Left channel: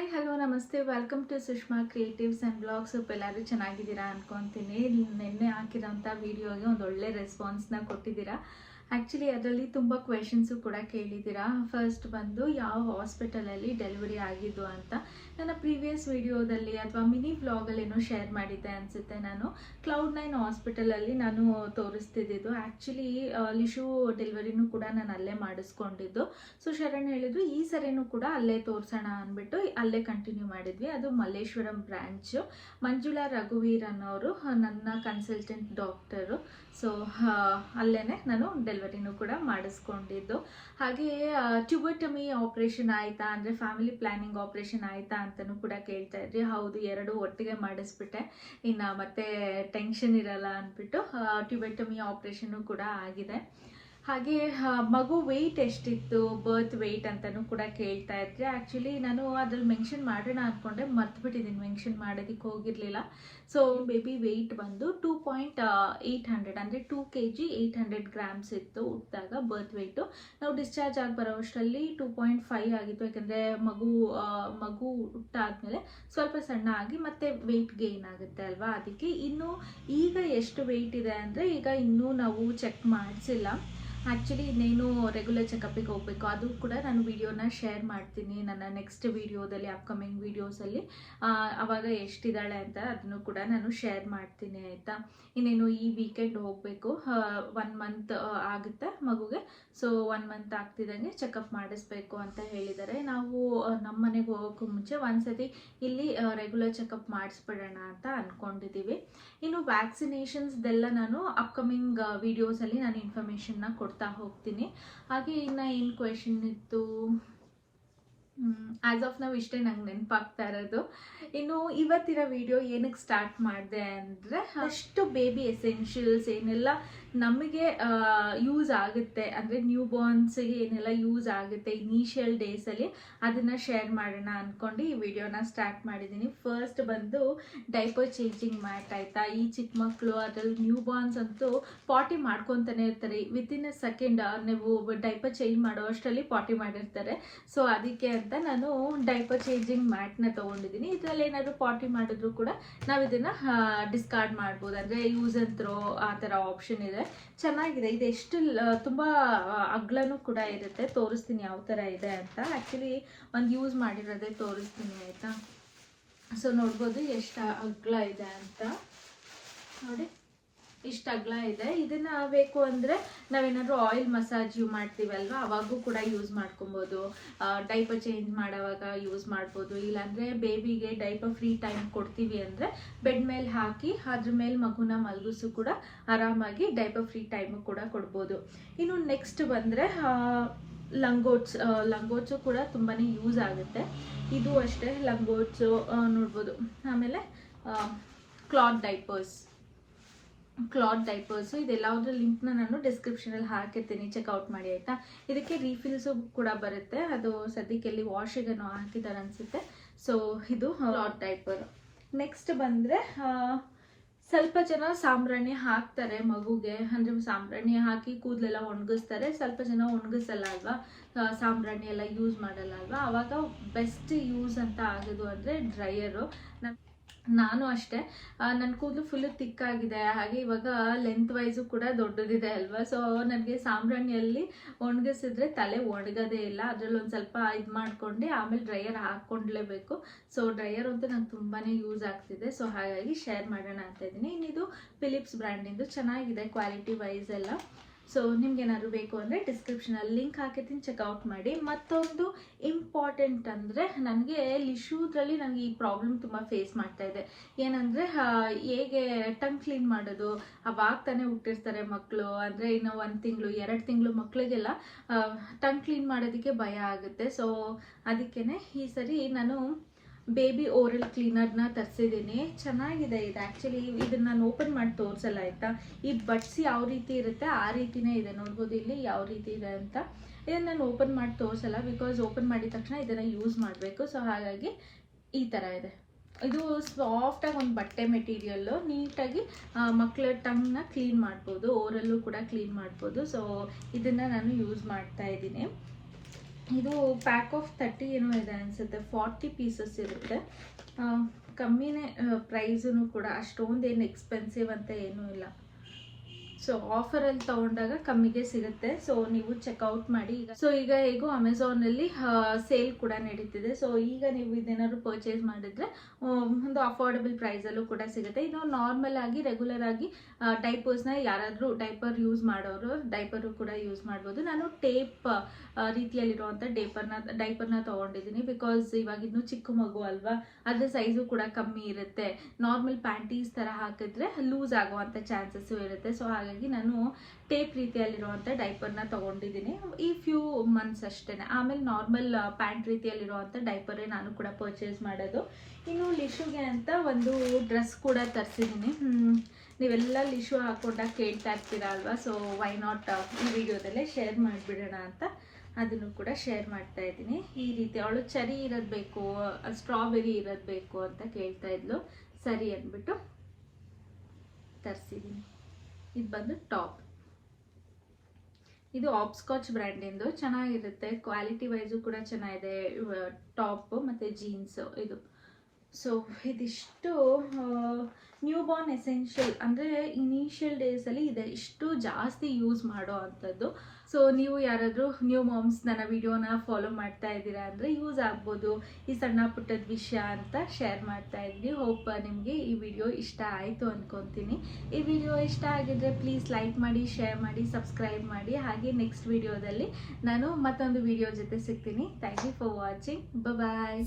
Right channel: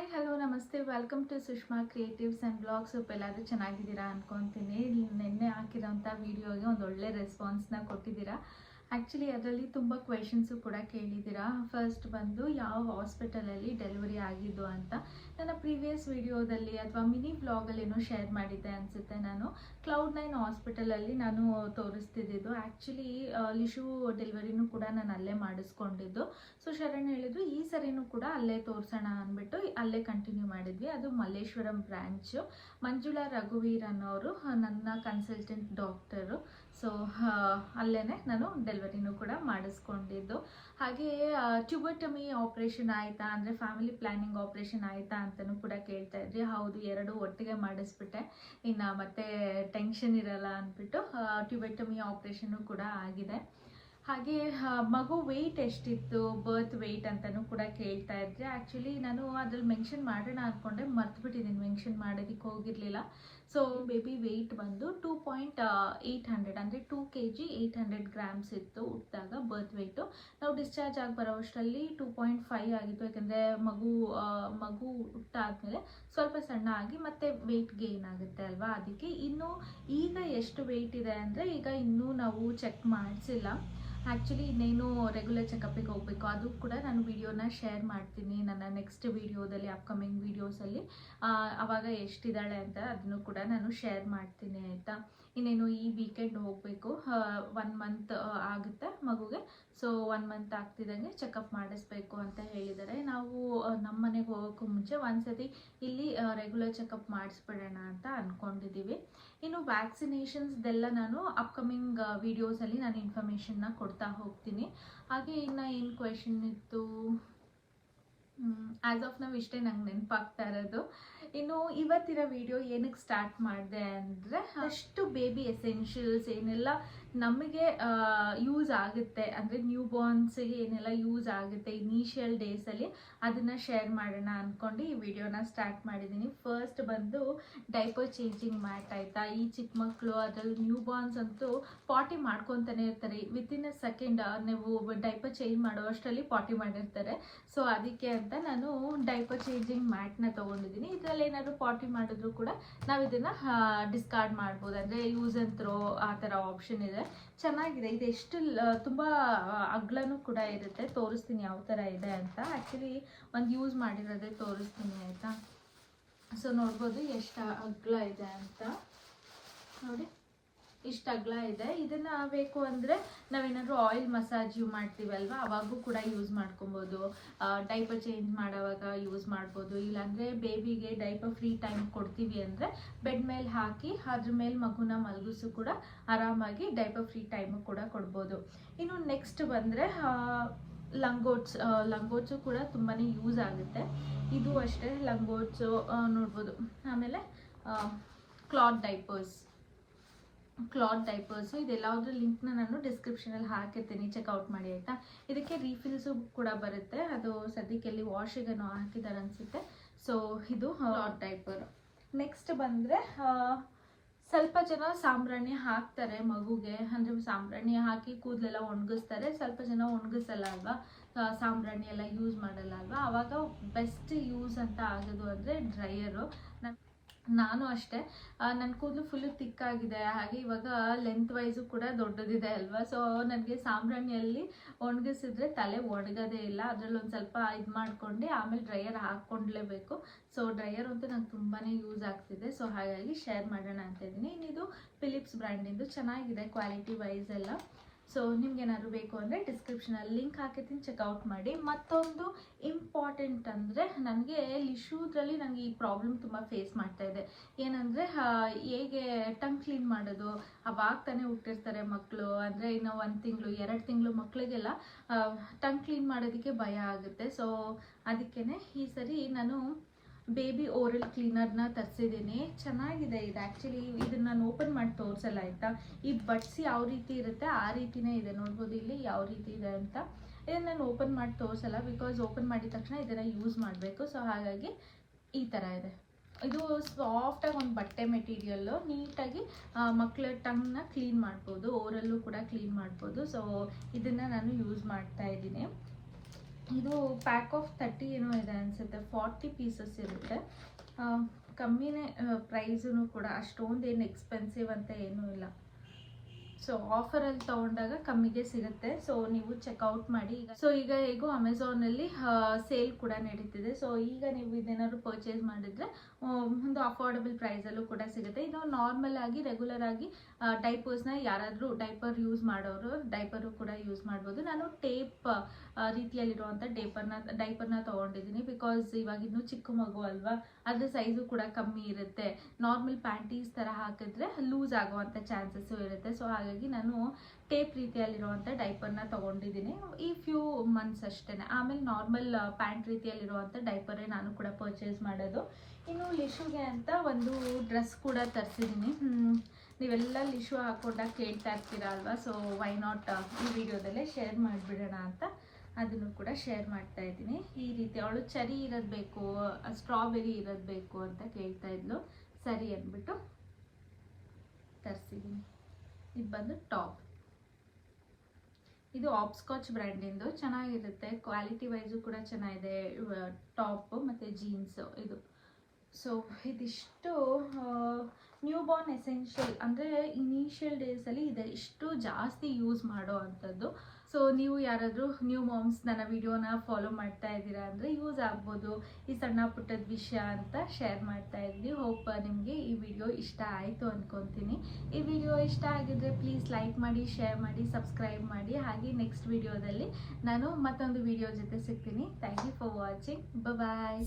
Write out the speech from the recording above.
Hi hello ನಮಸ್ತೆ welcome to Sushma creatives and blogs. ಎಲ್ಲರೂ ಚೆನ್ನಾಗಿದ್ದೀರಾ ಅಂದ್ಕೊತೀನಿ. ನಿನ್ನೆ ಹಾಕಿರೋಂಥ ವೀಡಿಯೋಗೆ ಒಂದು ಒಳ್ಳೆ ರೆಸ್ಪಾನ್ಸ್ನ ಕೊಟ್ಟಿದ್ದೀರಾ. ಆ್ಯಕ್ಚುಲಿ ಅದರಲ್ಲಿ ತುಂಬ ಕ್ವೆಶನ್ಸು ಕೂಡ ಕೇಳಿದ್ದೀರಾ. ಫಸ್ಟ್ ಬಂದು ಯಾವ ಹಾಸ್ಪಿಟಲಲ್ಲಿ ಡೆಲಿವರಿ ಆಗಿದ್ದು ಅಂತ. ನನ್ನ ಪ್ರೀವಿಯಸ್ ವಿಡಿಯೋದಲ್ಲಿ ಅಥವಾ ಮಿನಿ ವ್ಲಾಗಲ್ಲೇನೋ ಶೇರ್ ಮಾಡಿದ್ದೆ ಅನಿಸುತ್ತೆ. ನಾನು Cloud9 ಹಾಸ್ಪಿಟಲಲ್ಲಿ ನಾನು ತೋರಿಸ್ತಿದ್ದು. ಆ್ಯಕ್ಚುಲಿ ಲಿಶು ಡೆಲಿವರಿನೂ ಕೂಡ ನಾನು ಅಲ್ಲೇ ಮಾಡಿಸ್ಕೊಂಡಿದ್ದು. ಸೊ ಶರಣ್ ಹೇಳಿದ್ರು ಈ ಸರಿನೂ ಕೂಡ ಅಲ್ಲೇ ತೋರಿಸೋಣ ಅಂದ್ಬಿಟ್ಟು ಅಲ್ಲೇ ಕಂಟಿನ್ಯೂ ಮಾಡಿದ್ವಿ. ಅದು ಮಲ್ಲೇಶ್ವರಂ ಬ್ರ್ಯಾಂಚು. ಮಂಜುಳಾ ರಘುವೀರ್ ಅನ್ನೋರು ನನ್ನ ಕನ್ಸಲ್ಟೆಂಟ್ ಡಾಕ್ಟರು. ಸೊ ಅಲ್ಲೇ ನಾನು ಡೆಲಿವರಿನೂ ಕೂಡ ಮಾಡಿಸ್ಕೊಂಡಿದ್ದು. ಹಾಗೆ ಟ್ಯೂಬಟಮಿ ಆಪ್ರೇಷನ್ ಆಯಿತಾ ಅಂದರೆ ಫ್ಯಾಮಿಲಿ ಪ್ಲ್ಯಾನಿಂಗ್ ಆಪ್ರೇಷನ್ ಆಯಿತಾ ಅಂತಲೂ ಕೂಡ ಕೇಳ್ತಾ ಇದ್ರಿ. ಹೌದು, ಎರಡು ಒಟ್ಟಿಗೆ ಮಾಡಿಸ್ಬಿಟ್ಟೆ, ಇನ್ನು ಮತ್ತೆ ಟೆನ್ಷನ್ ಇರಲ್ಲ ಅಂದ್ಬಿಟ್ಟು ಟ್ಯೂಬಟಮಿ ಆಪ್ರೇಷನ್ನು ಕೂಡ ಆಗಿದೆ. ಹಾಗೆ ಮಗು ವೆಯ್ಟ್ ಎಷ್ಟಿತ್ತು, ಬರ್ತ್ ವೆಯ್ಟ್ ಅಂತಲೂ ಕೂಡ ಕೇಳ್ತಾ ಇದ್ರಿ. ಆ್ಯಕ್ಚುಲಿ ನಾನು ಅದ್ರಲ್ಲಿ ಮೆನ್ಷನ್ ಮಾಡೋಣ ಅಂದ್ಕೊಂಡೆ, ಮರ್ತುಬಿಟ್ಟಿದ್ದೀನಿ, ಮೆನ್ಷನ್ ಮಾಡೋದಕ್ಕೆ ಹೋಗಿರಲಿಲ್ಲ. ಸೊ ಬೇಬಿ ವೆಯ್ಟ್ ಬಂದು 2.800 ಅಂದರೆ 2 kg 800 grams ಇತ್ತು ಹುಟ್ಟಿದಾಗ ಬರ್ತ್ ವೆಯ್ಟು. ನಾವು ಡಿಸ್ಚಾರ್ಜ್ ಆಗಿ ಬರೋಷ್ಟರಲ್ಲಿ 2.5 ಆಗಿತ್ತು. ಯಾಕಂದರೆ ಮಗು ಹುಟ್ಟಾದ್ಮೇಲೆ ಸ್ವಲ್ಪ ಸಣ್ಣ ಆಗಿ ಮತ್ತೆ ವೆಯ್ಟ್ ಗೇನ್ ಆಗುತ್ತೆ ಅಲ್ವಾ, ಅದಕ್ಕೆ. ಇನ್ನು ಈಗ ಎಷ್ಟು ವೆಯ್ಟ್ ಇದೆ ಅಂದರೆ ಈಗ ಇನ್ನೂ ನಾವು ಚೆಕ್ ಮಾಡಿಸಿಲ್ಲ. ಆ್ಯಕ್ಚುಲಿ ಇನ್ನೇನು ರೆಗ್ಯುಲರ್ ಚೆಕಪ್ಪಿಗೆ ಹೋಗಬೇಕು. ಅದು ಕೂಡ ನಾನು ವಿಡಿಯೋನ ಶೇರ್ ಮಾಡ್ತೀನಿ ನನ್ನ ನೆಕ್ಸ್ಟ್ ವಿಡಿಯೋದಲ್ಲಿ, ಅಪ್ಕಮಿಂಗ್ ವೀಡಿಯೋಸಲ್ಲಿ. ಆವಾಗ ಎಷ್ಟಿದ್ದಾಳೆ ಅಂತ ಅದನ್ನು ಕೂಡ ನಾನು ಶೇರ್ ಮಾಡ್ತೀನಿ, ಆಯಿತಾ. ಇನ್ನೇನು ಈ ವೀಕೆಂಡ್ ಹೋಗಬೇಕು. 1 month ಆಗುತ್ತೆ ಮಗುಗೆ. ಸೊ 1 month ಆಗ್ತಿದ್ದಂಗೆ ಚೆಕಪ್ ಮಾಡಿಸ್ಬೇಕು ಅಂತ ಹೇಳಿದ್ದಾರೆ. ನಾವು ನಮ್ಮ ಮನೆಗೆ ಹೋಗೋಕ್ಕೂ ಮುಂಚೆ ಒಂದ್ಸತಿ ಇಲ್ಲಿ ರೆಗ್ಯುಲರ್ ಚೆಕಪ್ ಮಾಡಿಸ್ಬಿಡೋಣ ಅಂತ ಅಂದ್ಕೊಂಡಿದ್ದೀವಿ. ಇನ್ನು ವ್ಯಾಕ್ಸಿನೇಷನ್ಸ್ದೆಲ್ಲ ನಾನು ಅಪ್ಕಮಿಂಗ್ ವೀಡಿಯೋಸಲ್ಲಿ ನಾನು ಇನ್ಫಾರ್ಮೇಷನ್ನ ಕೊಡ್ತಾ ಹೋಗ್ತೀನಿ. ಹಾಗೆ ಇನ್ನು ಏನು ಕ್ವೆಶನ್ ಇತ್ತು, ಆ್ಯಸ್ ಆಫ್ ನಾವು ಇಷ್ಟೇ ನಂಗೆ ನೆನಪಾಗ್ತಾ ಇರೋದು. ಇನ್ನು ಇವತ್ತಿನ ವಿಡಿಯೋ ಏನಕ್ಕೆ ಸ್ಟಾರ್ಟ್ ಮಾಡಿದೆ ಅಂದರೆ, ಅಷ್ಟು ಬೇಬಿ ಎಸೆನ್ಷಿಯಲ್ಸ್ ಏನೆಲ್ಲ ನಮಗೆ ಯೂಸ್ ಆಗುತ್ತೆ, ಅಂದರೆ ನ್ಯೂ ಬಾರ್ನ್ಸ್ಗೆ ಏನೆಲ್ಲ ಯೂಸ್ ಆಗುತ್ತೆ ಇನಿಷಿಯಲ್ ಡೇಸಲ್ಲಿ, ಅದನ್ನು ಶೇರ್ ಮಾಡೋಣ ಅಂದ್ಕೊಂಡು ಈ ವಿಡಿಯೋನ ಸ್ಟಾರ್ಟ್ ಮಾಡಿದ್ದೀನಿ. ಫಸ್ಟ್ ಬಂದು ಡೈಪರ್ ಚೇಂಜಿಂಗ್ ಮ್ಯಾಟ್, ಆಯಿತಾ. ಈ ಚಿಕ್ಕ ಮಕ್ಕಳು ಅದರಲ್ಲಿ ನ್ಯೂ ಬಾರ್ನ್ಸ್ ಅಂತೂ ಪಾಟಿ ಮಾಡ್ಕೊತಾನೆ ಇರ್ತಾರೆ. ವಿತಿನ್ ಅ ಸೆಕೆಂಡ್ ನೀವು ಡೈಪರ್ ಚೇಂಜ್ ಮಾಡೋ ಅಷ್ಟರಲ್ಲಿ ಪಾಟಿ ಮಾಡಿರ್ತಾರೆ. ಸೊ ಅದಕ್ಕೆ ಅಂತ ನಾನು ಡೈಪರ್ ಚೇಂಜಿಂಗ್ ಮ್ಯಾಟ್ನ ತೊಗೊಂಡಿದ್ದೀನಿ. ಇದರಲ್ಲಿ ಏನಾದರೂ ಪಾಟಿ ಮಾಡಿದ್ರು ಕೂಡ ನಾವು ಇದನ್ನು ಡಿಸ್ಕಾರ್ಡ್ ಮಾಡ್ಬೋದು, ಅಂದರೆ ಯೂಸ್ ಆ್ಯಂಡ್ ಥ್ರೋ ಆ ಥರ ಆಪ್ಷನ್ ಇದೆ. ಚೆನ್ನಾಗಿದೆ ಇದು. ಎಷ್ಟು ತುಂಬ ಅಗ್ಲನೂ ಕೂಡ ಇರುತ್ತೆ. ತೋರಿಸ್ತೀನಿ ಯಾವ ಥರ ಇದೆ ಅಂತ. ಆ್ಯಕ್ಚುಲಿ ಒಂದು ಯೂಸ್ ಮಾಡಿರೋದೇ ತೋರಿಸ್ತೀನಿ, ಆಯಿತಾ. ಸೊ ನೋಡ್ಬೋದು ಎಷ್ಟು ಅಗ್ಲ ಇದೆ ಅಂತ. ನೋಡಿ, ಇಷ್ಟು ಅಗಲ ಇದೆ. ಇದನ್ನು ಬೇಕು ಅಂದರೆ ನಾವೇನಾದರೂ ಆಯಿಲ್ ಮಸಾಜ್ ಮಾಡ್ತೀವಲ್ವ, ಅವಾಗೂ ಕೂಡ ಯೂಸ್ ಮಾಡ್ಕೊಬೋದು. ಡೈಪರ್ ಚೇಂಜ್ ಮಾಡೋವಾಗ ಯೂಸ್ ಮಾಡ್ಬೋದು. ಇಲ್ಲಾಂದರೆ ಬೇಬಿಗೆ ಡೈಪರ್ ಫ್ರೀ ಟೈಮ್ ಕೊಡ್ತೀವಿ ಅಂದರೆ ಬೆಡ್ ಮೇಲೆ ಹಾಕಿ ಅದ್ರ ಮೇಲೆ ಮಗುನ ಮಲಗಿಸು ಕೂಡ ಆರಾಮಾಗಿ ಡೈಪರ್ ಫ್ರೀ ಟೈಮು ಕೂಡ ಕೊಡ್ಬೋದು. ಇನ್ನು ನೆಕ್ಸ್ಟ್ ಬಂದರೆ ಲಂಗೋಟ್ಸು ಕೂಡ ತುಂಬಾ ಯೂಸ್ ಆಗುತ್ತೆ. ಇದು ಅಷ್ಟೇ, ಲಂಗೋಟ್ಸು ನೋಡ್ಬೋದು. ಆಮೇಲೆ ಕ್ಲಾತ್ ಡೈಪರ್ಸು ಇದೆಲ್ಲದ್ರ ಲಿಂಕ್ನ ನಾನು ಡಿಸ್ಕ್ರಿಪ್ಷನಲ್ಲಿ ಹಾಕಿರ್ತೀನಿ, ಚೆಕ್ಔಟ್ ಮಾಡಿ, ಆಯಿತಾ. ಇದಕ್ಕೆ ರೀಫಿಲ್ಸು ಕೂಡ ಬರುತ್ತೆ. ಅದು ಸದ್ಯಕ್ಕೆ ಎಲ್ಲಿ ವಾಷಿಗೇನೋ ಹಾಕಿದ್ದಾರೆ ಅನಿಸುತ್ತೆ. ಸೊ ಇದು ಕ್ಲಾತ್ ಡೈಪರ್. ನೆಕ್ಸ್ಟ್ ಬಂದರೆ ಸ್ವಲ್ಪ ಜನ ಸಾಂಬ್ರಾಣಿ ಹಾಕ್ತಾರೆ ಮಗುಗೆ, ಅಂದರೆ ಸಾಂಬ್ರಾಣಿ ಹಾಕಿ ಕೂದಲೆಲ್ಲ ಒಣಗಿಸ್ತಾರೆ. ಸ್ವಲ್ಪ ಜನ ಒಣಗಿಸಲ್ಲ ಅಲ್ವಾ, ಸಾಂಬ್ರಾಣಿ ಎಲ್ಲ ಯೂಸ್ ಮಾಡಲ್ಲ ಅಲ್ವಾ. ಆವಾಗ ಬೆಸ್ಟ್ ಯೂಸ್ ಅಂತ ಆಗೋದು ಅಂದರೆ ಡ್ರೈಯರು. ನಾನು ಅಷ್ಟೇ, ನನ್ನ ಕೂದಲು ಫುಲ್ಲು ತಿಕ್ಕಾಗಿದೆ. ಹಾಗೆ ಇವಾಗ ಲೆಂತ್ ವೈಸು ಕೂಡ ದೊಡ್ಡದಿದೆ ಅಲ್ವಾ. ಸೊ ನನಗೆ ಸಾಂಬ್ರಾಣಿಯಲ್ಲಿ ಒಣಗಿಸಿದ್ರೆ ತಲೆ ಒಣಗೋದೇ ಇಲ್ಲ. ಅದರಲ್ಲಿ ಒಂದು ಸ್ವಲ್ಪ ಇದು ಮಾಡ್ಕೊಂಡು ಆಮೇಲೆ ಡ್ರೈಯರ್ ಹಾಕ್ಕೊಂಡ್ಲೇಬೇಕು. ಸೊ ಡ್ರೈಯರ್ ಅಂತೂ ನಂಗೆ ತುಂಬಾ ಯೂಸ್ ಆಗ್ತಿದೆ. ಸೊ ಹಾಗಾಗಿ ಶೇರ್ ಮಾಡೋಣ ಅಂತ ಇದ್ದೀನಿ. ಇನ್ನಿದು ಫಿಲಿಪ್ಸ್ ಬ್ರ್ಯಾಂಡಿಂದು ಚೆನ್ನಾಗಿದೆ ಕ್ವಾಲಿಟಿ ವೈಸ್ ಎಲ್ಲ. ಸೊ ನಿಮ್ಗೇನಾದ್ರು ಬೇಕು ಅಂದರೆ ಡಿಸ್ಕ್ರಿಪ್ಷನಲ್ಲಿ ಲಿಂಕ್ ಹಾಕಿರ್ತೀನಿ, ಚೆಕ್ಔಟ್ ಮಾಡಿ. ಮತ್ತೊಂದು ಇಂಪಾರ್ಟೆಂಟ್ ಅಂದರೆ, ನನಗೆ ಲಿಶೂದ್ರಲ್ಲಿ ನನಗೆ ಈ ಪ್ರಾಬ್ಲಮ್ ತುಂಬ ಫೇಸ್ ಮಾಡ್ತಾ ಇದೆ. ಏನಂದರೆ ಹೇಗೆ ಟಂಗ್ ಕ್ಲೀನ್ ಮಾಡೋದು, ಅವಾಗ ತಾನೇ ಹುಟ್ಟಿರ್ತಾರೆ ಮಕ್ಕಳು. ಅಂದರೆ ಇನ್ನು 1 ತಿಂಗಳು 2 ತಿಂಗಳು ಮಕ್ಕಳಿಗೆಲ್ಲ ಟಂಗ್ ಕ್ಲೀನ್ ಮಾಡೋದಕ್ಕೆ ಭಯ ಆಗುತ್ತೆ. ಸೊ ಅದಕ್ಕೇ ಈ ಸರಿ ನಾನು ಬೇಬಿ ಓರಲ್ ಕ್ಲೀನರ್ನ ತರಿಸಿದ್ದೀನಿ. ಚೆನ್ನಾಗಿದೆ ಇದು. ಆ್ಯಕ್ಚುಲಿ ಇದನ್ನು ನಾನು ಓಪನ್ ಮಾಡಿ ತೋರಿಸಲ್ಲ, ಆಯಿತಾ. ಈ ಬಡ್ಸ್ ಯಾವ ರೀತಿ ಇರುತ್ತೆ ಆ ರೀತಿಯೇ ಇದೆ. ನೋಡ್ಬೋದು ಇಲ್ಲಿ ಯಾವ ರೀತಿ ಇದೆ ಅಂತ. ಇದನ್ನು ನಾನು ಓಪನ್ ಮಾಡಿ ತೋರಿಸಲ್ಲ, ಬಿಕಾಸ್ ಓಪನ್ ಮಾಡಿದ ತಕ್ಷಣ ಇದನ್ನು ಯೂಸ್ ಮಾಡಬೇಕು. ಸೊ ಹಾಗಾಗಿ ಈ ಥರ ಇದೆ. ಇದು ಸಾಫ್ಟಾಗಿ ಒಂದು ಬಟ್ಟೆ ಮೆಟೀರಿಯಲ್ಲು, ನೀಟಾಗಿ ಮಕ್ಕಳ ಟಂಗ್ನ ಕ್ಲೀನ್ ಮಾಡ್ಬೋದು, ಓರಲ್ಲೂ ಕೂಡ ಕ್ಲೀನ್ ಮಾಡ್ಬೋದು. ಸೊ ಇದನ್ನು ನಾನು ಯೂಸ್ ಮಾಡ್ತಾ ಇದ್ದೀನಿ. ಇದು ಪ್ಯಾಕ್ ಆಫ್ 30 ಏನೋ ಇದೆ ಅನಿಸುತ್ತೆ, 40 ಪೀಸಸ್ ಇರುತ್ತೆ. ಕಮ್ಮಿನೇ ಪ್ರೈಸೂ ಕೂಡ, ಅಷ್ಟೊಂದು ಏನು ಎಕ್ಸ್ಪೆನ್ಸಿವ್ ಅಂತ ಏನೂ ಇಲ್ಲ. ಸೊ ಆಫರಲ್ಲಿ ತೊಗೊಂಡಾಗ ಕಮ್ಮಿಗೆ ಸಿಗುತ್ತೆ. ಸೊ ನೀವು ಚೆಕ್ಔಟ್ ಮಾಡಿ. ಈಗ ಹೇಗೂ ಅಮೆಝಾನಲ್ಲಿ ಸೇಲ್ ಕೂಡ ನಡೀತಿದೆ. ಸೊ ಈಗ ನೀವು ಇದೇನಾದ್ರು ಪರ್ಚೇಸ್ ಮಾಡಿದ್ರೆ ಒಂದು ಅಫೋರ್ಡಬಲ್ ಪ್ರೈಸಲ್ಲೂ ಕೂಡ ಸಿಗುತ್ತೆ. ಇದು ನಾರ್ಮಲ್ ಆಗಿ ರೆಗ್ಯುಲರ್ ಆಗಿ ಡೈಪರ್ಸ್ನ ಯಾರಾದರೂ ಡೈಪರ್ ಯೂಸ್ ಮಾಡೋರು ಡೈಪರು ಕೂಡ ಯೂಸ್ ಮಾಡ್ಬೋದು. ನಾನು ಟೇಪ್ ರೀತಿಯಲ್ಲಿರುವಂಥ ಡೈಪರ್ನ ತೊಗೊಂಡಿದ್ದೀನಿ. ಬಿಕಾಸ್ ಇವಾಗ ಇನ್ನೂ ಚಿಕ್ಕ ಮಗು ಅಲ್ವಾ, ಅದ್ರ ಸೈಜು ಕೂಡ ಕಮ್ಮಿ ಇರುತ್ತೆ. ನಾರ್ಮಲ್ ಪ್ಯಾಂಟೀಸ್ ಥರ ಹಾಕಿದ್ರೆ ಲೂಸ್ ಆಗುವಂಥ ಚಾನ್ಸಸ್ಸು ಇರುತ್ತೆ. ಸೊ ಹಾಗಾಗಿ ನಾನು ಟೇಪ್ ರೀತಿಯಲ್ಲಿರುವಂಥ ಡೈಪರ್ನ ತೊಗೊಂಡಿದ್ದೀನಿ ಈ ಫ್ಯೂ ಮಂತ್ಸ್ ಅಷ್ಟೇ. ಆಮೇಲೆ ನಾರ್ಮಲ್ ಪ್ಯಾಂಟ್ ರೀತಿಯಲ್ಲಿರುವಂಥ ಡೈಪರೇ ನಾನು ಕೂಡ ಪರ್ಚೇಸ್ ಮಾಡೋದು. ಇನ್ನು ಲಿಶುಗೆ ಅಂತ ಒಂದು ಡ್ರೆಸ್ ಕೂಡ ತರಿಸಿದ್ದೀನಿ. ನೀವೆಲ್ಲ ಲಿಶು ಹಾಕೊಂಡಾಗ ಕೇಳ್ತಾ ಇರ್ತೀರ ಅಲ್ವಾ, ಸೊ ವೈ ನಾಟ್ ಈ ವಿಡಿಯೋದಲ್ಲೇ ಶೇರ್ ಮಾಡಿಬಿಡೋಣ ಅಂತ ಅದನ್ನು ಕೂಡ ಶೇರ್ ಮಾಡ್ತಾ ಇದ್ದೀನಿ. ಈ ರೀತಿ ಅವಳು ಚೆರಿ ಇರೋದು ಬೇಕು, ಸ್ಟ್ರಾಬೆರಿ ಇರೋದು ಬೇಕು ಅಂತ ಕೇಳ್ತಾ ಇದ್ಲು. ಸರಿ ಅಂದ್ಬಿಟ್ಟು ತರಿಸಿದ್ದೀನಿ. ಇದು ಬಂದು ಟಾಪ್. ಇದು ಆಪ್ಸ್ಕಾಚ್ ಬ್ರ್ಯಾಂಡಿಂದು, ಚೆನ್ನಾಗಿರುತ್ತೆ. ಕ್ವಾಲಿಟಿ ವೈಸು ಕೂಡ ಚೆನ್ನಾಗಿದೆ ಟಾಪ್ ಮತ್ತು ಜೀನ್ಸು ಇದು. ಸೊ ಇದಿಷ್ಟು ನ್ಯೂ ಬಾರ್ನ್ ಎಸೆನ್ಷಿಯಲ್, ಅಂದರೆ ಇನಿಷಿಯಲ್ ಡೇಸಲ್ಲಿ ಇದೆ ಇಷ್ಟು ಜಾಸ್ತಿ ಯೂಸ್ ಮಾಡೋ ಅಂಥದ್ದು. ಸೊ ನೀವು ಯಾರಾದರೂ ನ್ಯೂ ಮಾಮ್ಸ್ ನನ್ನ ವಿಡಿಯೋನ ಫಾಲೋ ಮಾಡ್ತಾ ಇದ್ದೀರಾ ಅಂದರೆ ಯೂಸ್ ಆಗ್ಬೋದು ಈ ಸಣ್ಣ ಪುಟ್ಟದ ವಿಷಯ ಅಂತ ಶೇರ್ ಮಾಡ್ತಾ ಇದ್ದೀನಿ. ಹೋಪ್ ನಿಮಗೆ ಈ ವಿಡಿಯೋ ಇಷ್ಟ ಆಯಿತು ಅಂದ್ಕೊತೀನಿ. ಈ ವಿಡಿಯೋ ಇಷ್ಟ ಆಗಿದ್ರೆ ಪ್ಲೀಸ್ ಲೈಕ್ ಮಾಡಿ, ಶೇರ್ ಮಾಡಿ, ಸಬ್ಸ್ಕ್ರೈಬ್ ಮಾಡಿ. ಹಾಗೆ ನೆಕ್ಸ್ಟ್ ವಿಡಿಯೋದಲ್ಲಿ ನಾನು ಮತ್ತೊಂದು ವಿಡಿಯೋ ಜೊತೆ ಸಿಗ್ತೀನಿ. Thank you for watching. Bye.